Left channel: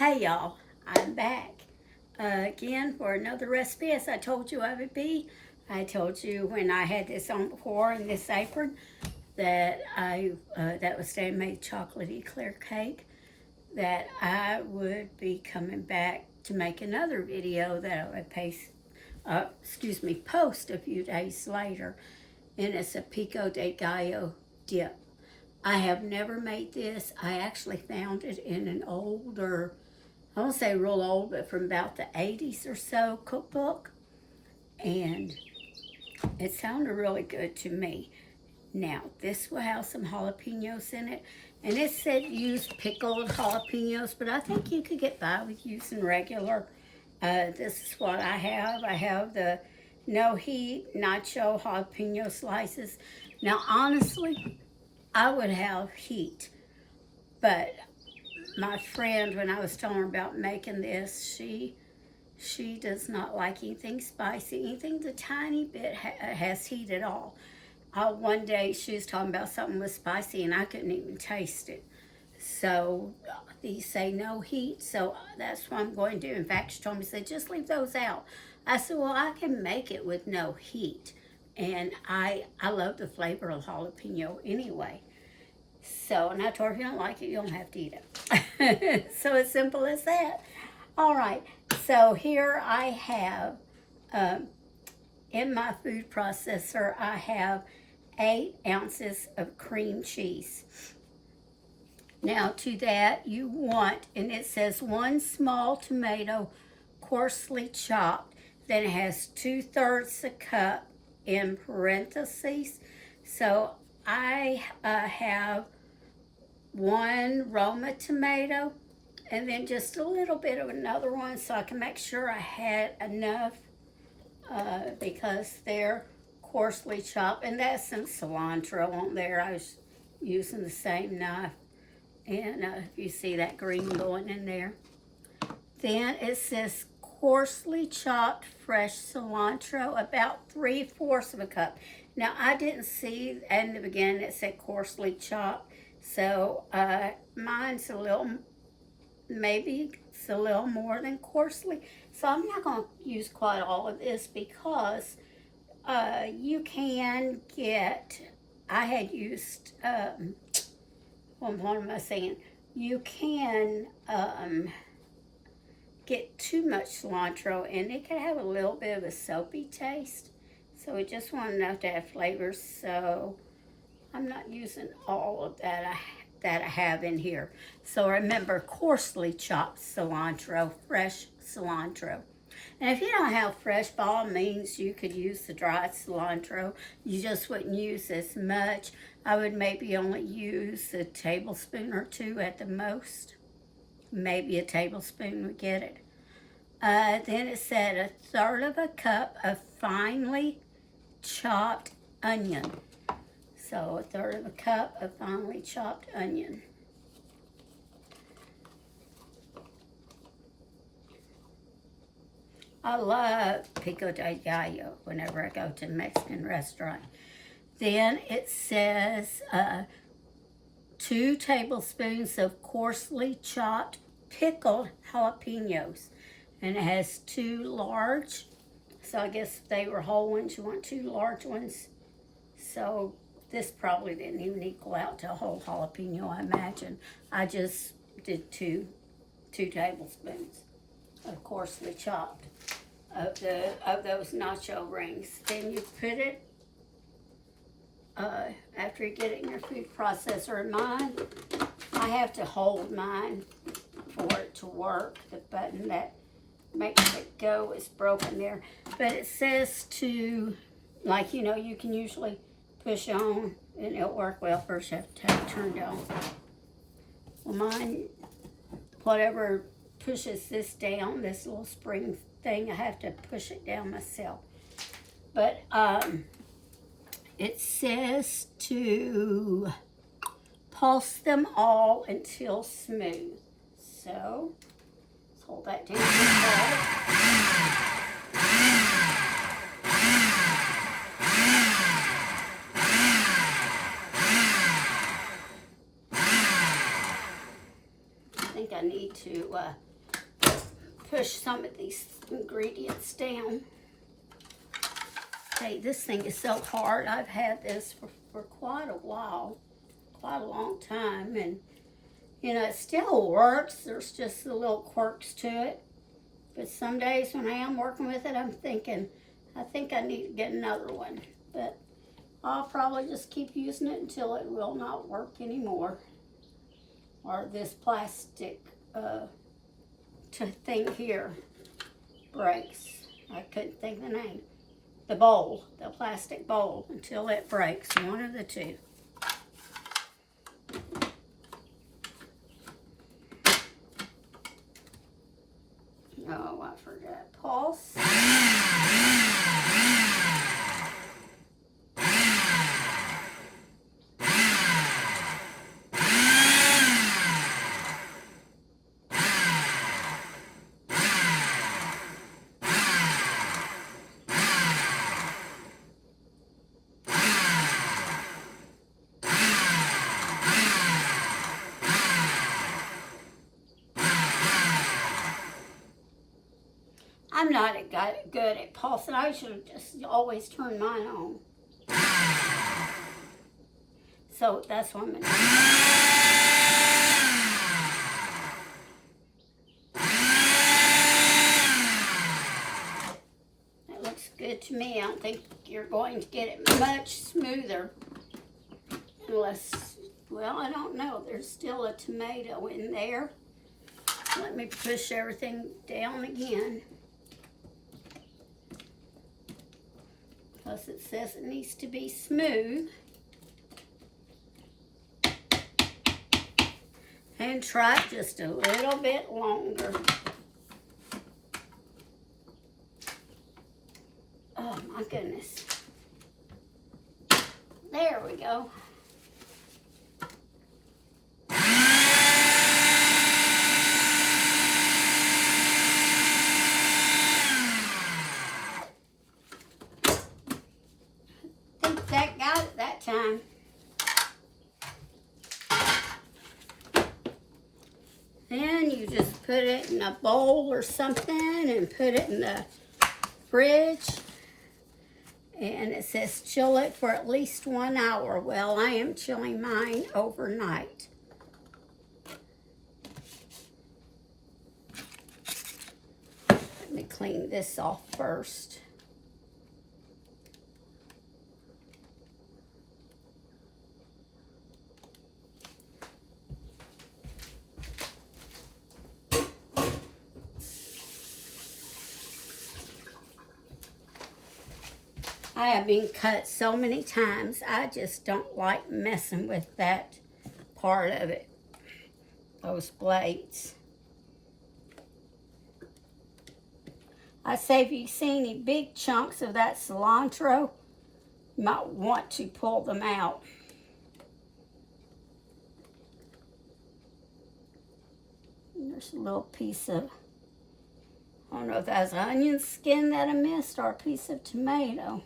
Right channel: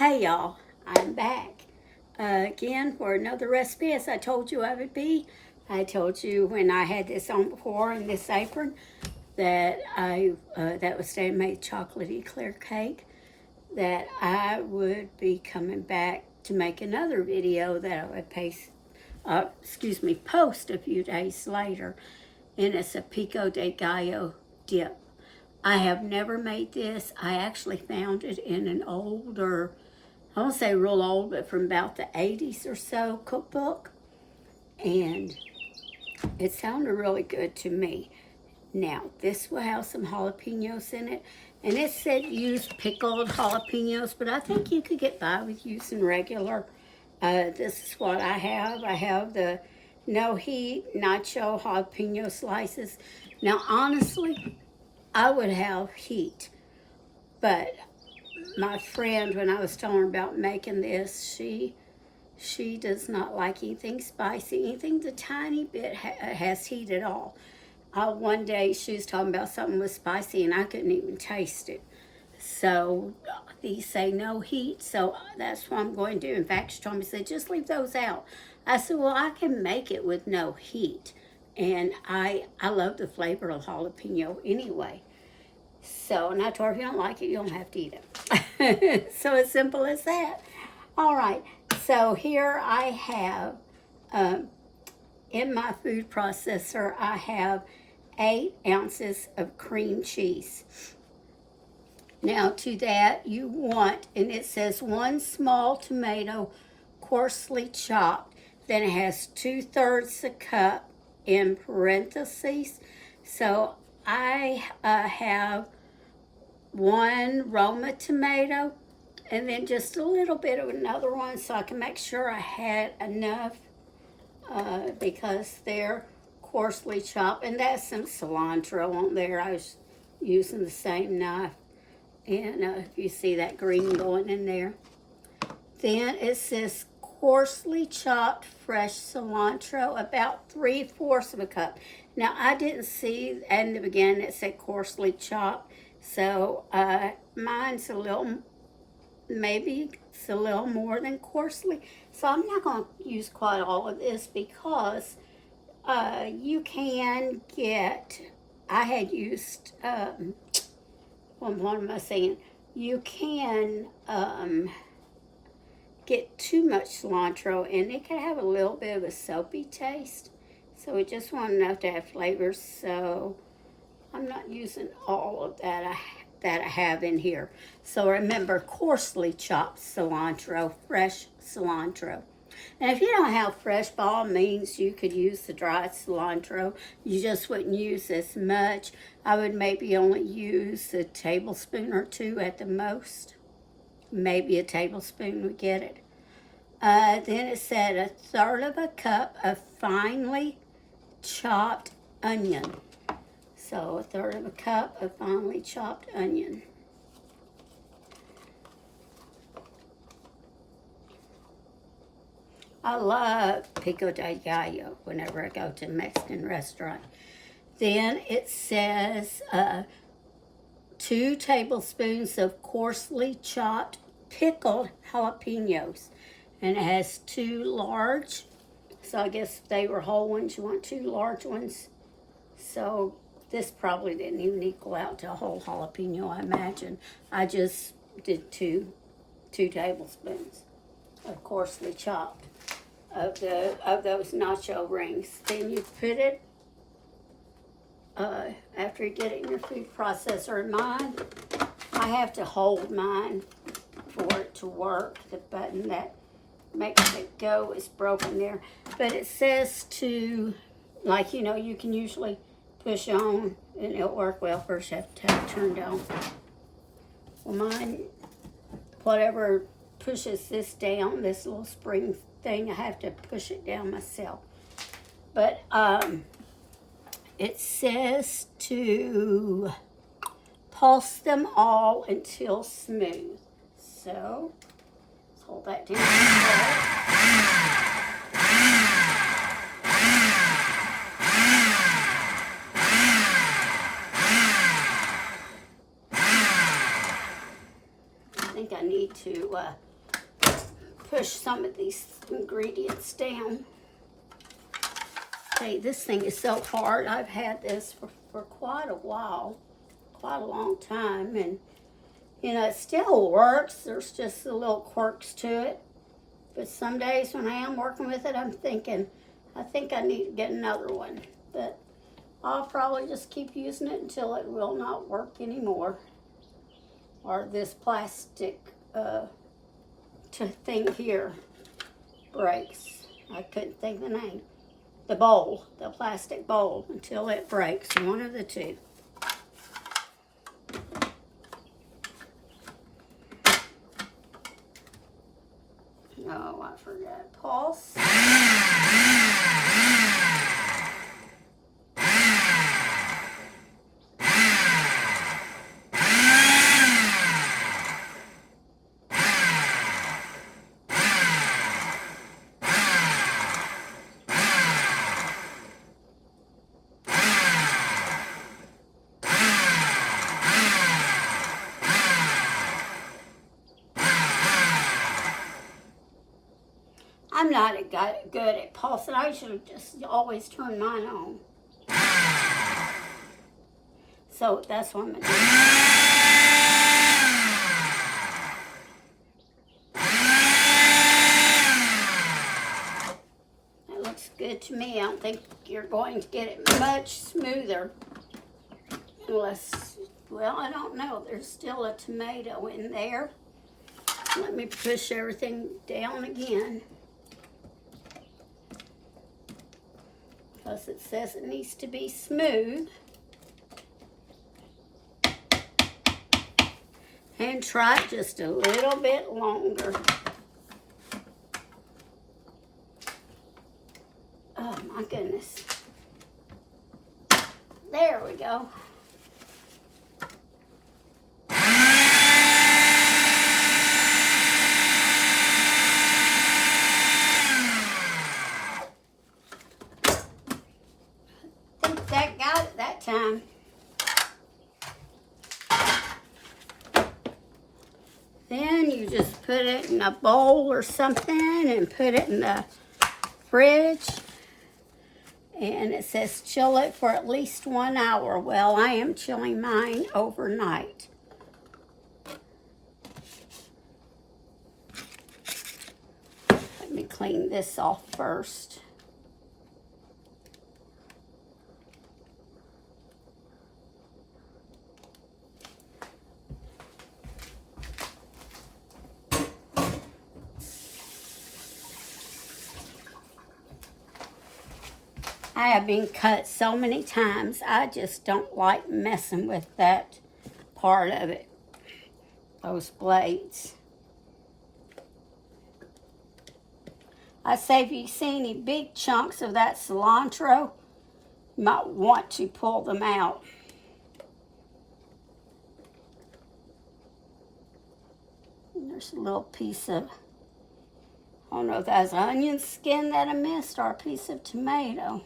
Hey y'all, I'm back again for another recipe as I told you I would be. I told you when I had this on before in this apron that that was made chocolatey clear cake, that I would be coming back to make another video that I would post a few days later, and it's a Pico De Gallo dip. I have never made this. I actually found it in an older, I won't say real old, but from about the 80s or so cookbook. And it sounded really good to me. Now, this will have some jalapenos in it. And it said use pickled jalapenos, but I think you could get by with using regular. This is what I have. I have the no heat nacho jalapeno slices. Now, honestly, I would have heat, but my friend, when I was telling her about making this, she does not like anything spicy, anything the tiny bit has heat at all. One day she was talking about something was spicy and I couldn't even taste it. So these say no heat, so that's what I'm going to do. In fact, she told me, said, just leave those out. I said, well, I can make it with no heat. And I love the flavor of jalapeno anyway. So, and I told her, if you don't like it, you don't have to eat it. So as simple as that. All right, so here I have, in my food processor, I have 8 ounces of cream cheese. Now to that you want, and it says 1 small tomato coarsely chopped. Then it has 2/3 a cup in parentheses. So I have 1 Roma tomato and then just a little bit of another one so I can make sure I had enough because they're coarsely chopped. And that's some cilantro on there. I was using the same knife. And if you see that green going in there. Then it says coarsely chopped fresh cilantro, about 3/4 of a cup. Now, I didn't see in the beginning it said coarsely chopped, so mine's maybe it's a little more than coarsely. So I'm not going to use quite all of this because you can get, I had used, what am I saying? You can get too much cilantro and it can have a little bit of a soapy taste. So we just want enough to have flavors. So I'm not using all of that I have in here. So remember, coarsely chopped cilantro, fresh cilantro. And if you don't have fresh, by all means, you could use the dried cilantro. You just wouldn't use as much. I would maybe only use a tablespoon or 2 at the most. Maybe a tablespoon would get it. Then it said 1/3 of a cup of finely chopped onion. So 1/3 of a cup of finely chopped onion. I love Pico De Gallo whenever I go to a Mexican restaurant. Then it says 2 tablespoons of coarsely chopped pickled jalapenos. And it has 2 large. So I guess if they were whole ones, you want 2 large ones. So this probably didn't even equal out to a whole jalapeno, I imagine. I just did 2 tablespoons of coarsely chopped of those nacho rings. Then you put it, after you get it in your food processor. Mine, I have to hold mine for it to work. The button that makes it go is broken there. But it says to, like, you know, you can usually push on and it'll work. Well, first you have to have it turned on. Well, mine, whatever pushes this down, this little spring thing, I have to push it down myself. But it says to pulse them all until smooth. So let's hold that down. I think I need to push some of these ingredients down. Okay, this thing is so hard. I've had this for quite a while, quite a long time, and you know, it still works. There's just the little quirks to it. But some days when I am working with it, I'm thinking, I think I need to get another one. But I'll probably just keep using it until it will not work anymore. Or this plastic thing here breaks. I couldn't think of the name. The bowl, the plastic bowl, until it breaks. One of the two. Oh, I forgot. Pulse. I'm not good at pulsing. I should have just always turned mine on. So that's what I'm going to do. That looks good to me. I don't think you're going to get it much smoother. Unless, well, I don't know. There's still a tomato in there. Let me push everything down again. Because it says it needs to be smooth. And try it just a little bit longer. Oh my goodness. There we go. That got it that time. Then you just put it in a bowl or something and put it in the fridge. And it says chill it for at least 1 hour. Well, I am chilling mine overnight. Let me clean this off first. I have been cut so many times. I just don't like messing with that part of it. Those blades. I say if you see any big chunks of that cilantro, you might want to pull them out. And there's a little piece of, I don't know if that's onion skin that I missed or a piece of tomato.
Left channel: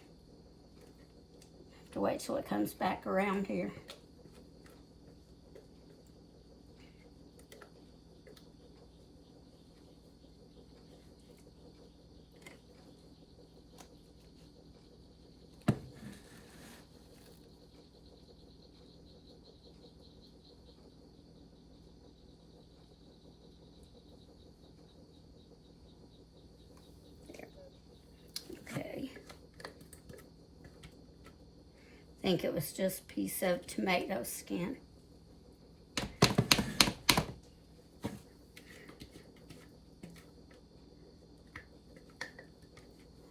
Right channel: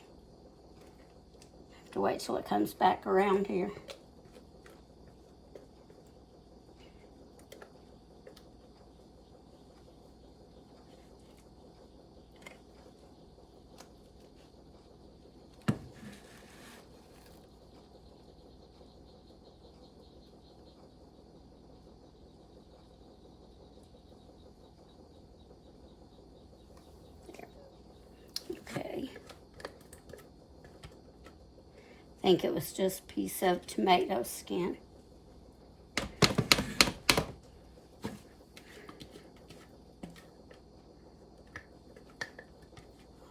To wait till it comes back around here. Okay. I think it was just a piece of tomato skin.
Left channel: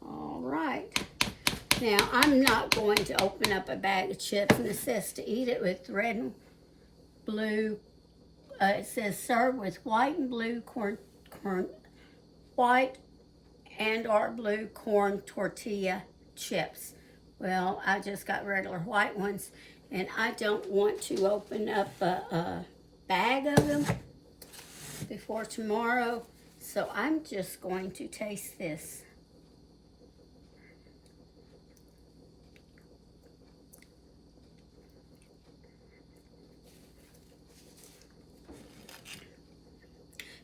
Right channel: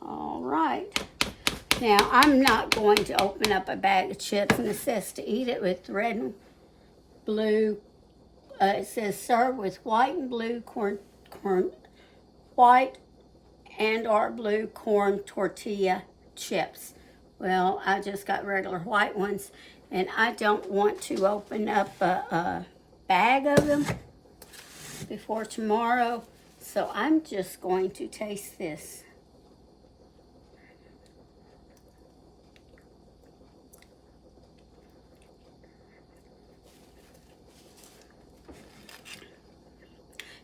All right. Now, I'm not going to open up a bag of chips, and it says to eat it with red and blue. It says serve with white and blue white and or blue corn tortilla chips. Well, I just got regular white ones, and I don't want to open up a bag of them before tomorrow, so I'm just going to taste this.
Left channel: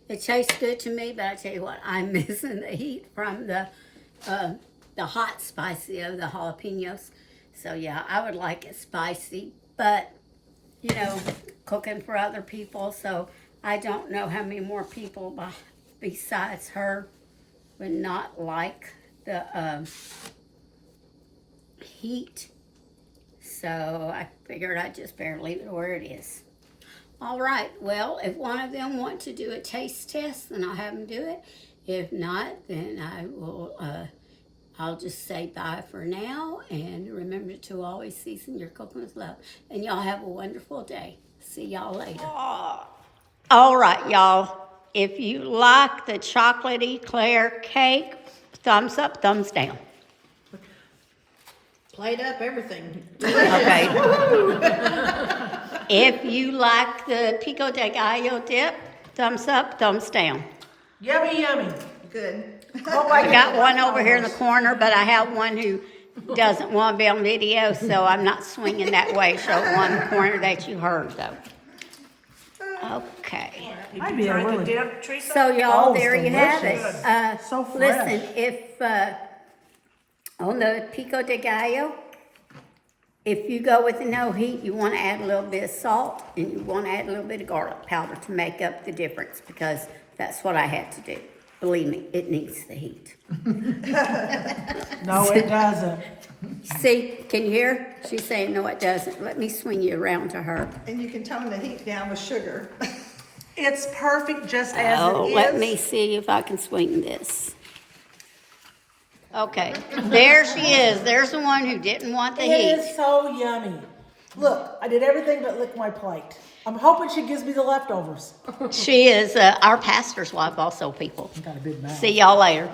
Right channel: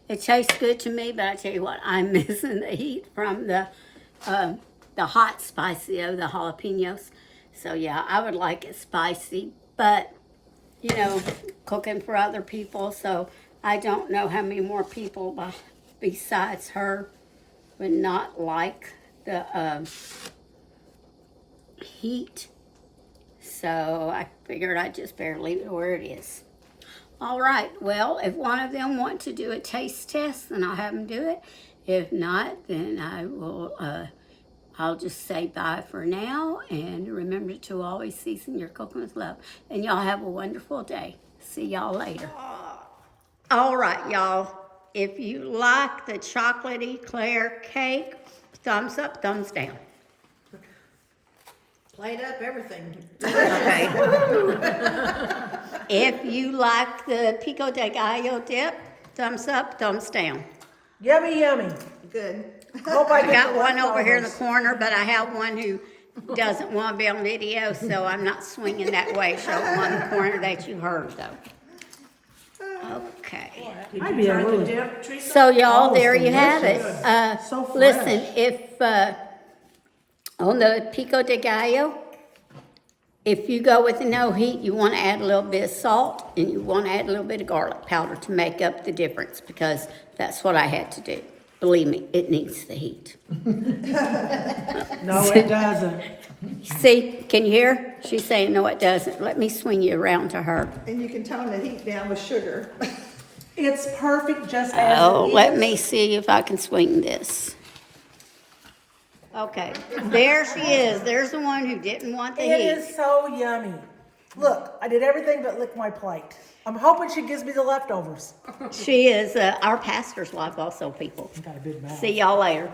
It tastes good to me, but I tell you what, I'm missing the heat from the hot spicy of the jalapenos. So yeah, I would like it spicy, but you know, cooking for other people, so I don't know how many more people besides her would not like the heat. So I figured I'd just better leave it where it is. All right, well, if one of them want to do a taste test, then I'll have them do it. If not, then I will, I'll just say bye for now. And remember to always season your cooking with love. And y'all have a wonderful day. See y'all later. All right, y'all. If you like the chocolate eclair cake, thumbs up, thumbs down. Plate up everything. Okay. If you like the Pico De Gallo dip, thumbs up, thumbs down. Yummy, yummy. Good. I got one over here in the corner, but I have one who doesn't want to be on video, so I'm not swinging that way. Show one in the corner that you heard, though. Okay. Did you try the dip, Teresa? So, y'all, there you have it. So fresh. Listen, if on the Pico de Gallo, if you go with the no heat, you want to add a little bit of salt and you want to add a little bit of garlic powder to make up the difference, because that's what I had to do. Believe me, it needs the heat. No, it doesn't. See, can you hear? She's saying, no, it doesn't. Let me swing you around to her. And you can tone the heat down with sugar. It's perfect just as Oh, it is. let me see if I can swing this. Okay, there she is. There's the one who didn't want the It heat. is so yummy. Look, I did everything but lick my plate. I'm hoping she gives me the leftovers. She is our pastor's wife also, people. Got a big mouth. See y'all later.